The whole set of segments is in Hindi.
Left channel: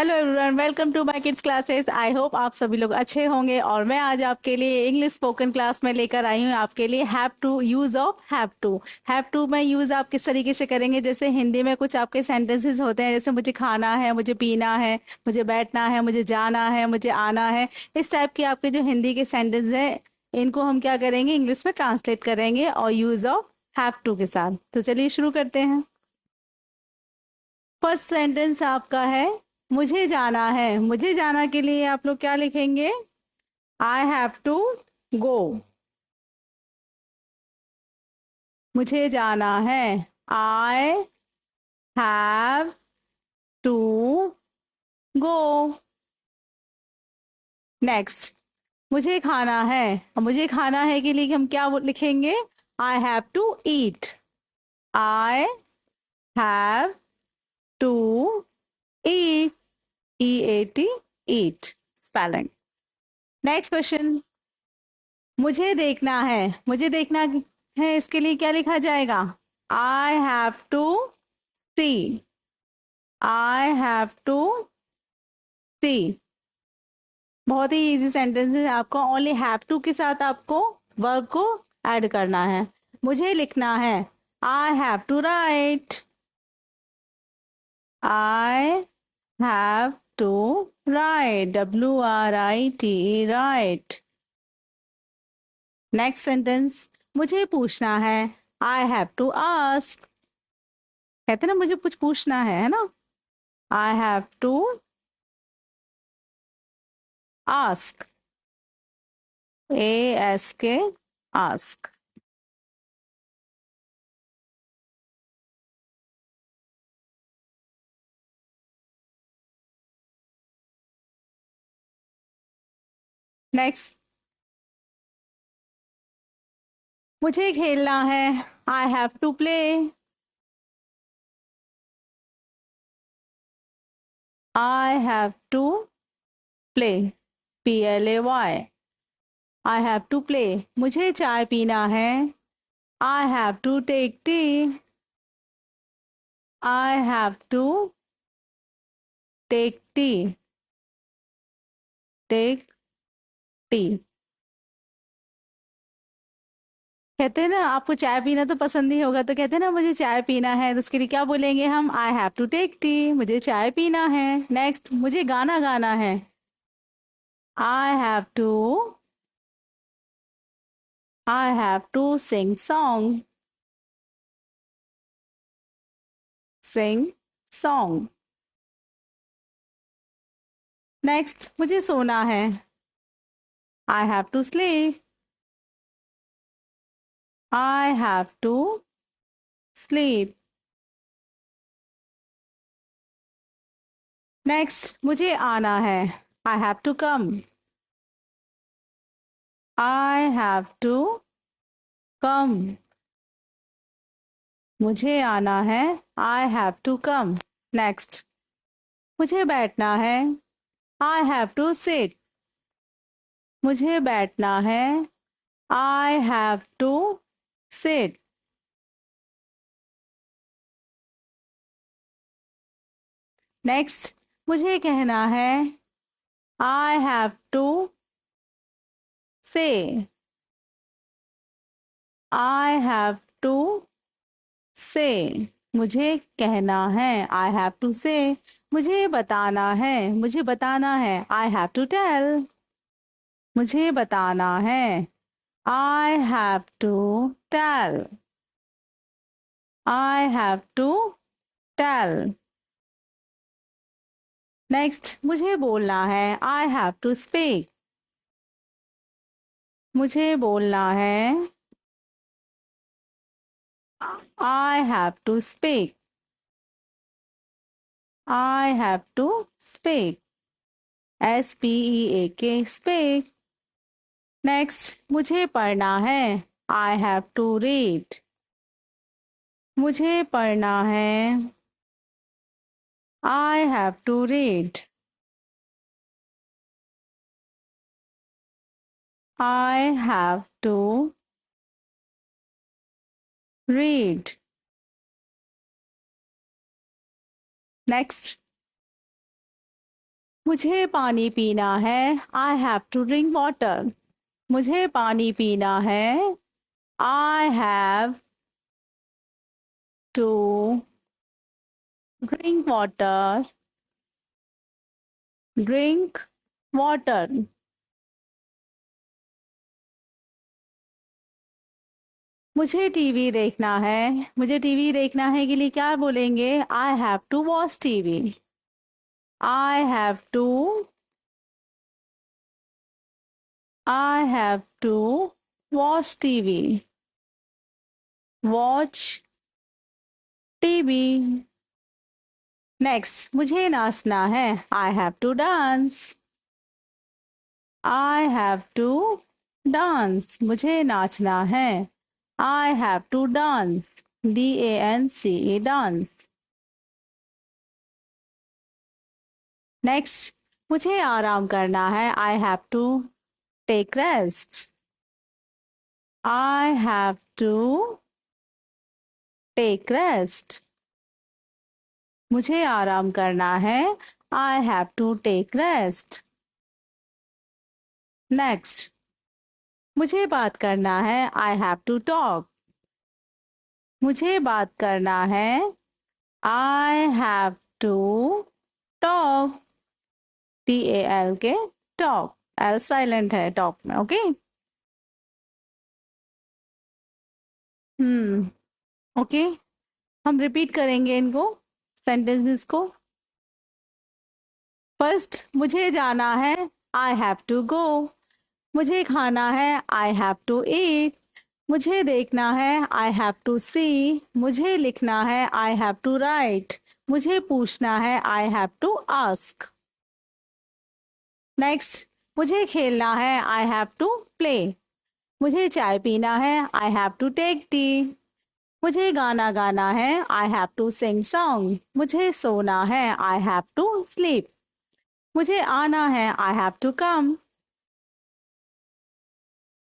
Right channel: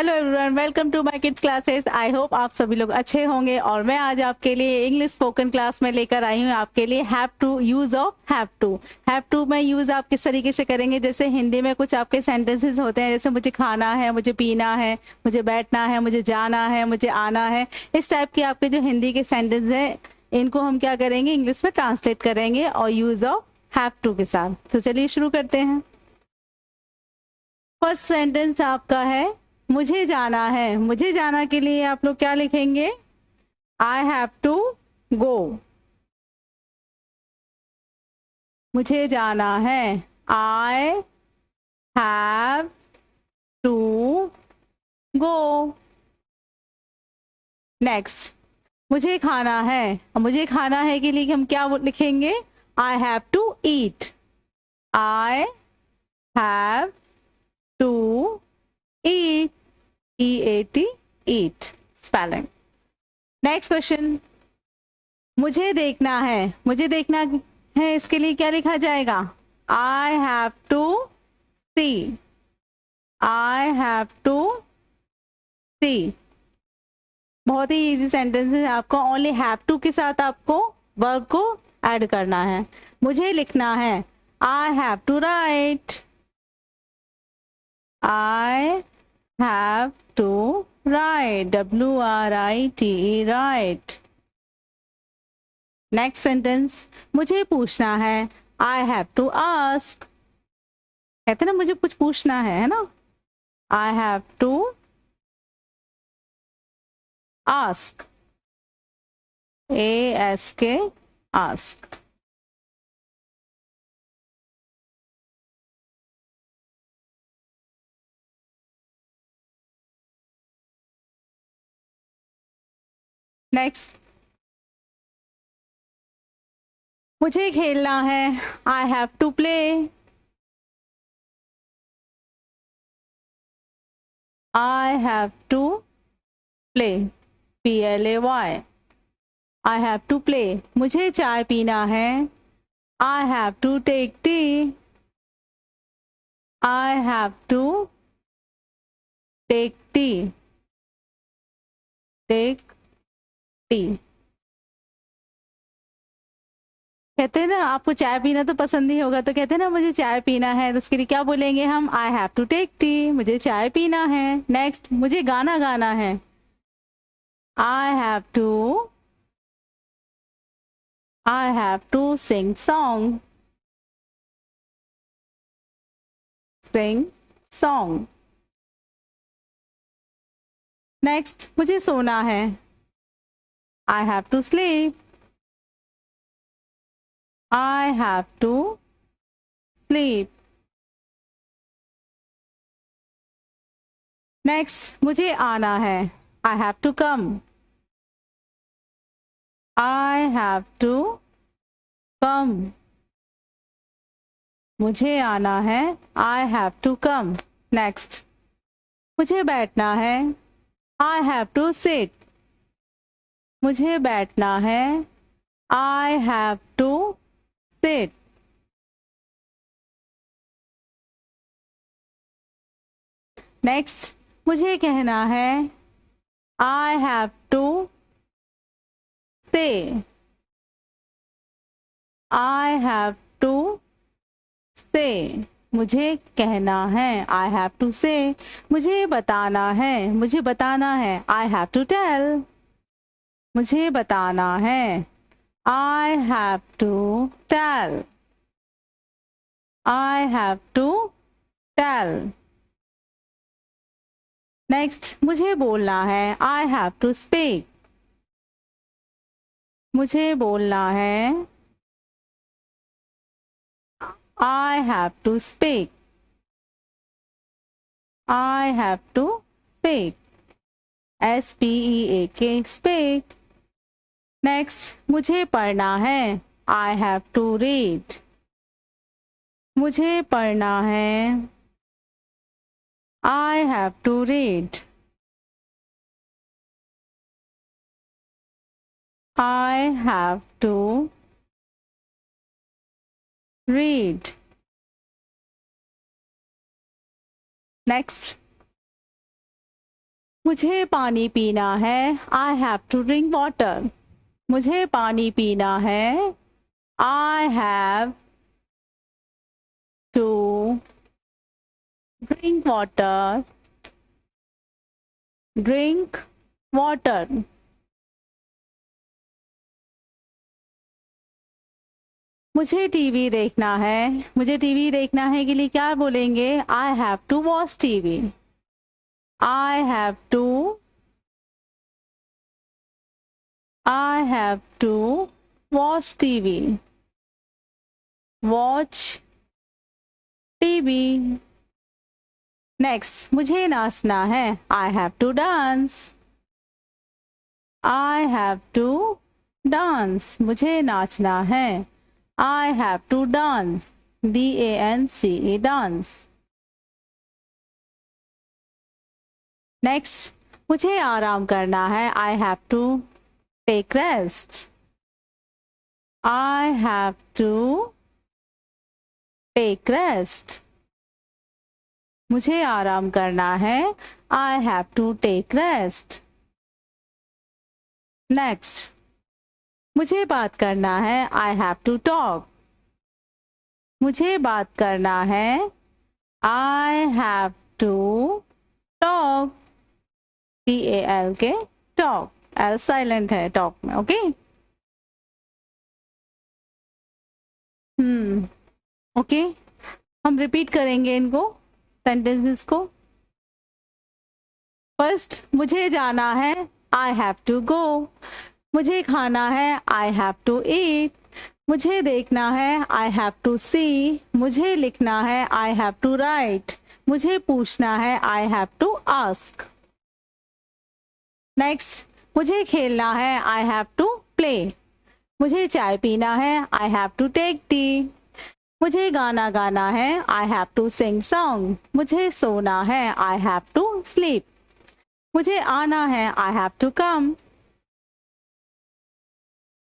Hello everyone, welcome to my kids classes. I hope आप सभी लोग अच्छे होंगे। और मैं आज आपके लिए इंग्लिश स्पोकन क्लास में लेकर आई हूँ आपके लिए have to use of have to. Have to में यूज आप किस तरीके से करेंगे, जैसे हिंदी में कुछ आपके सेंटेंसेस होते हैं, जैसे मुझे खाना है, मुझे पीना है, मुझे बैठना है, मुझे जाना है, मुझे आना है। इस टाइप के आपके जो हिंदी के सेंटेंस है, इनको हम क्या करेंगे, इंग्लिश में ट्रांसलेट करेंगे और यूज ऑफ हैव टू के साथ। तो चलिए शुरू करते हैं। फर्स्ट सेंटेंस आपका है मुझे जाना है। मुझे जाना के लिए आप लोग क्या लिखेंगे, आई हैव टू गो। मुझे जाना है, I have to go. Next, मुझे खाना है। और मुझे खाना है के लिए हम क्या लिखेंगे, I have to eat. I have to eat, E A T, eat spelling. Next question, मुझे देखना है। मुझे देखना है, इसके लिए क्या लिखा जाएगा, I have to see. I have to see. बहुत ही इजी सेंटेंस है, आपको ओनली हैव टू के साथ आपको वर्ब को ऐड करना है। मुझे लिखना है, I have to write. I have to write, WRITE, write. Next sentence, मुझे पूछना है, आई हैव टू आस्क। कहते ना मुझे कुछ पूछना है ना, I have to ask, ASK, ask. Next, मुझे खेलना है, I have to play. I have to play, PLAY, I have to play. मुझे चाय पीना है, I have to take tea. I have to take tea, take tea. कहते हैं ना आपको चाय पीना तो पसंद ही होगा, तो कहते हैं ना मुझे चाय पीना है, तो उसके लिए क्या बोलेंगे हम, I have to take tea, मुझे चाय पीना है। नेक्स्ट, मुझे गाना गाना है, I have to, I have to sing song, sing song. Next, मुझे सोना है, I have to sleep. I have to sleep. Next, मुझे आना है, I have to come. I have to come, मुझे आना है, I have to come. Next, मुझे बैठना है, आई हैव टू सिट। मुझे बैठना है, I have to sit. Next, मुझे कहना है, आई हैव टू से। आई हैव टू से, मुझे कहना है, आई हैव टू से। मुझे बताना है, मुझे बताना है, आई हैव टू टेल। मुझे बताना है, I have to tell. I have to tell. Next, मुझे बोलना है, आई हैव टू स्पीक। मुझे बोलना है, I have to speak. I have to speak, SPEAK, speak. Next, मुझे पढ़ना है, आई हैव टू रीड। मुझे पढ़ना है, I have to read. I have to read. Next, मुझे पानी पीना है, I have to drink water. मुझे पानी पीना है, I have to drink water. Drink water. मुझे टीवी देखना है, मुझे टीवी देखना है के लिए क्या बोलेंगे? I have to watch TV. I have to watch TV. Watch TV. Next, मुझे नाचना है, I have to dance. I have to dance. मुझे नाचना है, I have to dance. D-A-N-C-E, dance. Next, मुझे आराम करना है, I have to take rest. I have to take rest. मुझे आराम करना है, I have to take rest. Next, मुझे बात करना है, आई हैव टू टॉक। मुझे बात करना है, I have to talk. T-A-L के टॉक, एल साइलेंट है टॉक में, ओके। ओके, हम रिपीट करेंगे इनको, सेंटेंसेस को। फर्स्ट, मुझे जाना है, आई हैव टू गो। मुझे खाना है, आई हैव टू ईट। मुझे देखना है, आई हैव टू सी। मुझे लिखना है, आई हैव टू राइट। मुझे पूछना है, I have to ask. Next, मुझे खेलना है, आई हैव टू प्ले। मुझे चाय पीना है, I have to take tea. मुझे गाना गाना है, I have to sing song. मुझे सोना है, आई हैव टू स्लीप। मुझे आना है, I have to come.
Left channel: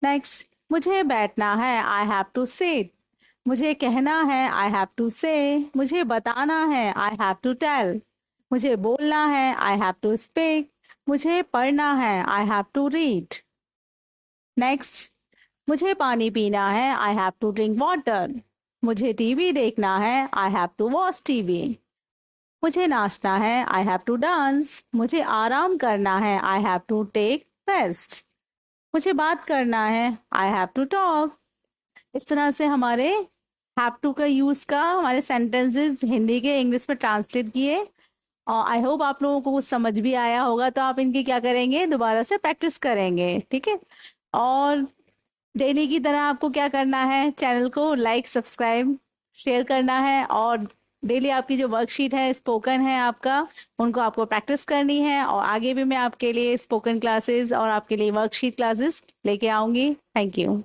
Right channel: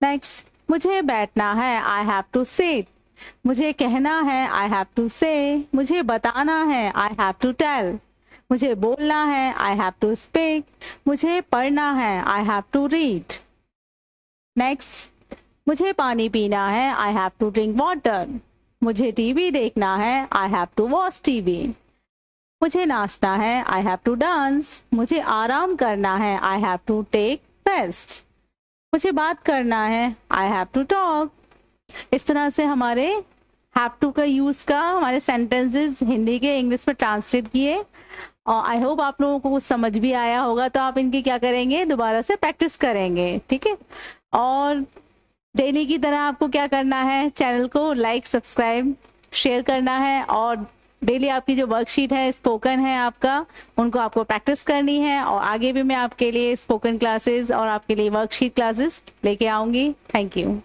Next, मुझे बैठना है, आई हैव टू सिट। मुझे कहना है, आई हैव टू से। मुझे बताना है, आई हैव टू टेल। मुझे बोलना है, आई हैव टू स्पीक। मुझे पढ़ना है, I have to read. Next, मुझे पानी पीना है, I have to drink water. मुझे टीवी देखना है, I have to watch TV. मुझे नाचना है, आई हैव टू डांस। मुझे आराम करना है, I have to take rest. मुझे बात करना है, आई हैव टू टॉक। इस तरह से हमारे हैव टू का यूज का हमारे सेंटेंसेस हिंदी के इंग्लिश में ट्रांसलेट किए। और आई होप आप लोगों को कुछ समझ भी आया होगा, तो आप इनकी क्या करेंगे, दोबारा से प्रैक्टिस करेंगे, ठीक है। और डेली की तरह आपको क्या करना है, चैनल को लाइक, सब्सक्राइब, शेयर करना है। और डेली आपकी जो वर्कशीट है, स्पोकन है आपका, उनको आपको प्रैक्टिस करनी है। और आगे भी मैं आपके लिए स्पोकन क्लासेस और आपके लिए वर्कशीट क्लासेस लेके आऊंगी। Thank you.